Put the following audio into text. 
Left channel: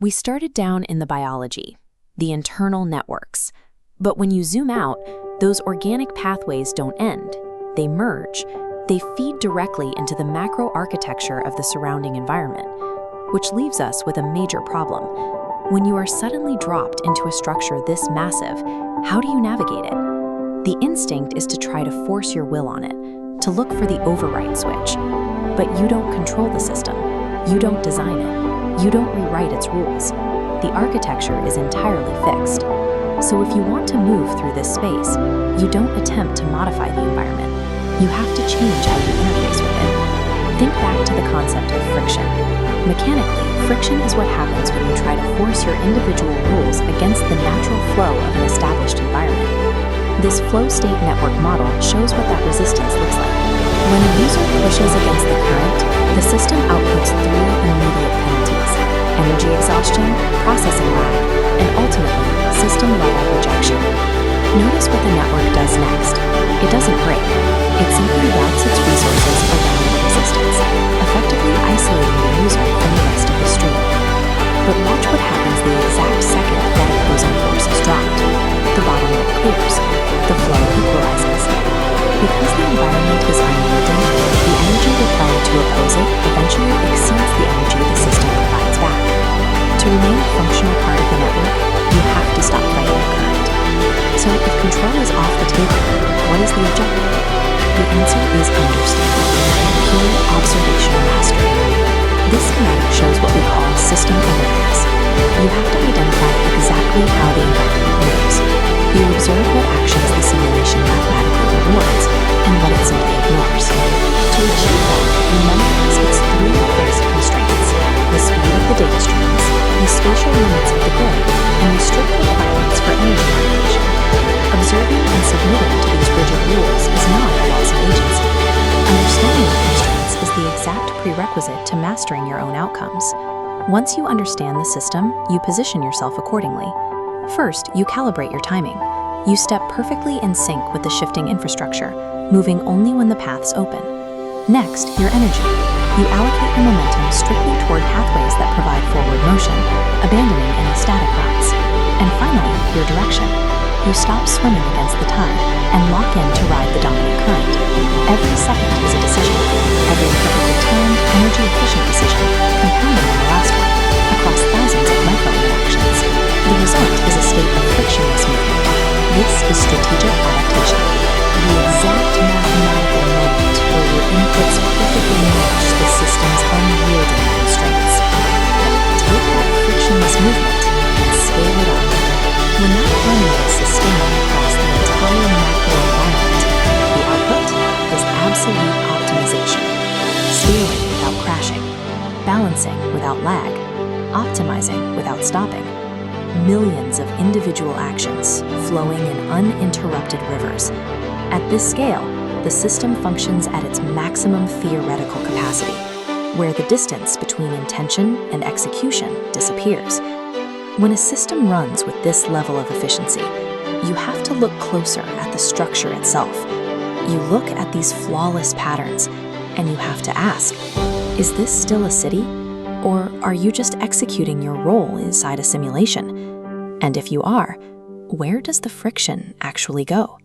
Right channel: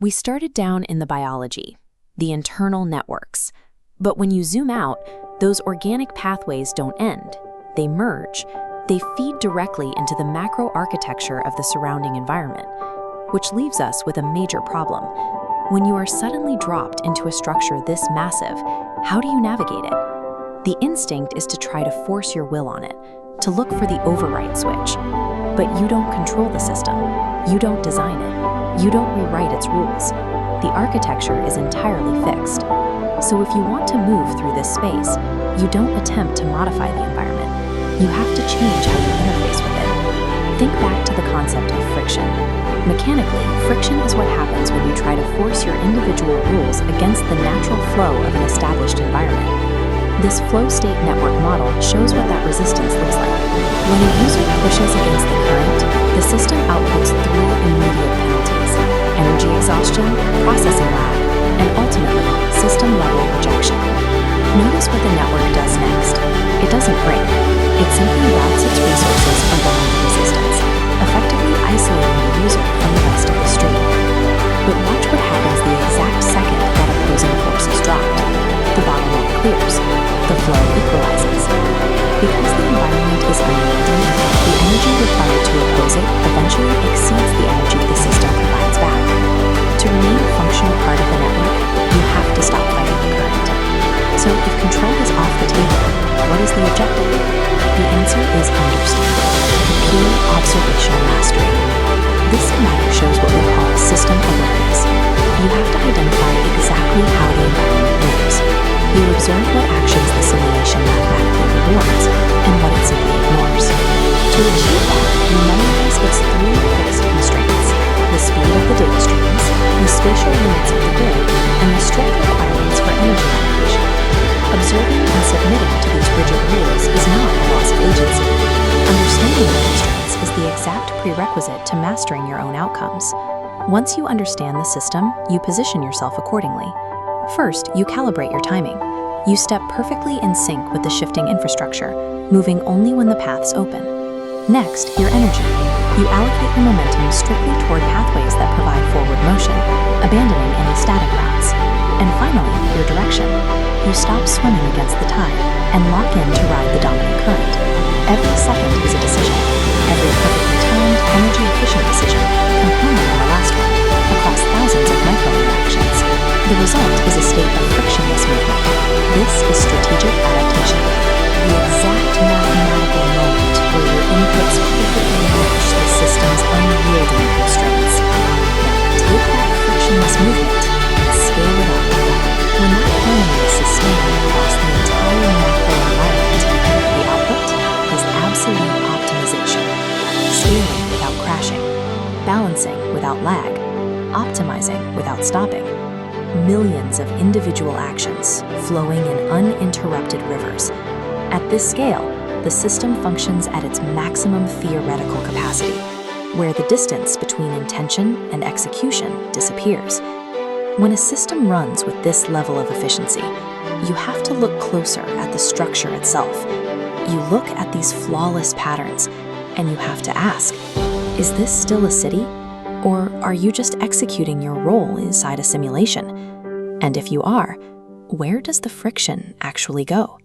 We started down in the biology, the internal networks. But when you zoom out, those organic pathways don't end. They merge. They feed directly into the macro architecture of the surrounding environment, which leaves us with a major problem. When you are suddenly dropped into a structure this massive, how do you navigate it? The instinct is to try to force your will on it, to look for the override switch. But you don't control the system. You don't design it. You don't rewrite its rules. The architecture is entirely fixed. So if you want to move through this space, you don't attempt to modify the environment. You have to change how you interface with it. Think back to the concept of friction. Mechanically, friction is what happens when you try to force your individual rules against the natural flow of an established environment. This flow state network model shows what that resistance looks like. When a user pushes against the current, the system outputs three immediate penalties: energy exhaustion, processing lag, and ultimately, system-level rejection. Notice what the network does next. It doesn't break. It simply routes its resources around the resistance, effectively isolating the user from the rest of the stream. But watch what happens the exact second that opposing force is dropped. The bottleneck clears. The flow equalizes. Because the environment is unyielding, the energy required to oppose it eventually exceeds the energy the system provides back. To remain a functional part of the network, you have to stop fighting the current. So if control is off the table, what is the objective? The answer is understanding. Pure observational mastery. This schematic shows what we call system awareness. You have to identify exactly how the environment moves. You observe what actions the simulation mathematically rewards and what it simply ignores. To achieve that, you memorize its three fixed constraints: the speed of the data streams, the spatial limits of the grid, and the strict requirements for energy allocation. Observing and submitting to these rigid rules is not a loss of agency. Understanding the constraints is the exact prerequisite to mastering your own outcomes. Once you understand the system, you position yourself accordingly. First, you calibrate your timing. You step perfectly in sync with the shifting infrastructure, moving only when the paths open. Next, your energy. You allocate your momentum strictly toward pathways that provide forward motion, abandoning any static routes. And finally, your direction. You stop swimming against the tide and lock in to ride the dominant current. Every second is a decision. Every perfectly timed, energy-efficient decision, compounding on the last one, across thousands of micro-interactions. The result is a state of frictionless movement. This is strategic adaptation. The exact mathematical moment where your inputs perfectly match the system's unyielding constraints. Now, take that frictionless movement and scale it up. When that harmony is sustained across the entire macro environment, the output is absolute optimization. Scaling without crashing, balancing without lag, optimizing without stopping. Millions of individual actions flowing in uninterrupted rivers. At this scale, the system functions at its maximum theoretical capacity, where the distance between intention and execution disappears. When a system runs with this level of efficiency, you have to look closer at the structure itself. You look at these flawless patterns, and you have to ask, is this still a city? Or are you just executing your role inside a simulation? And if you are, where does the friction actually go?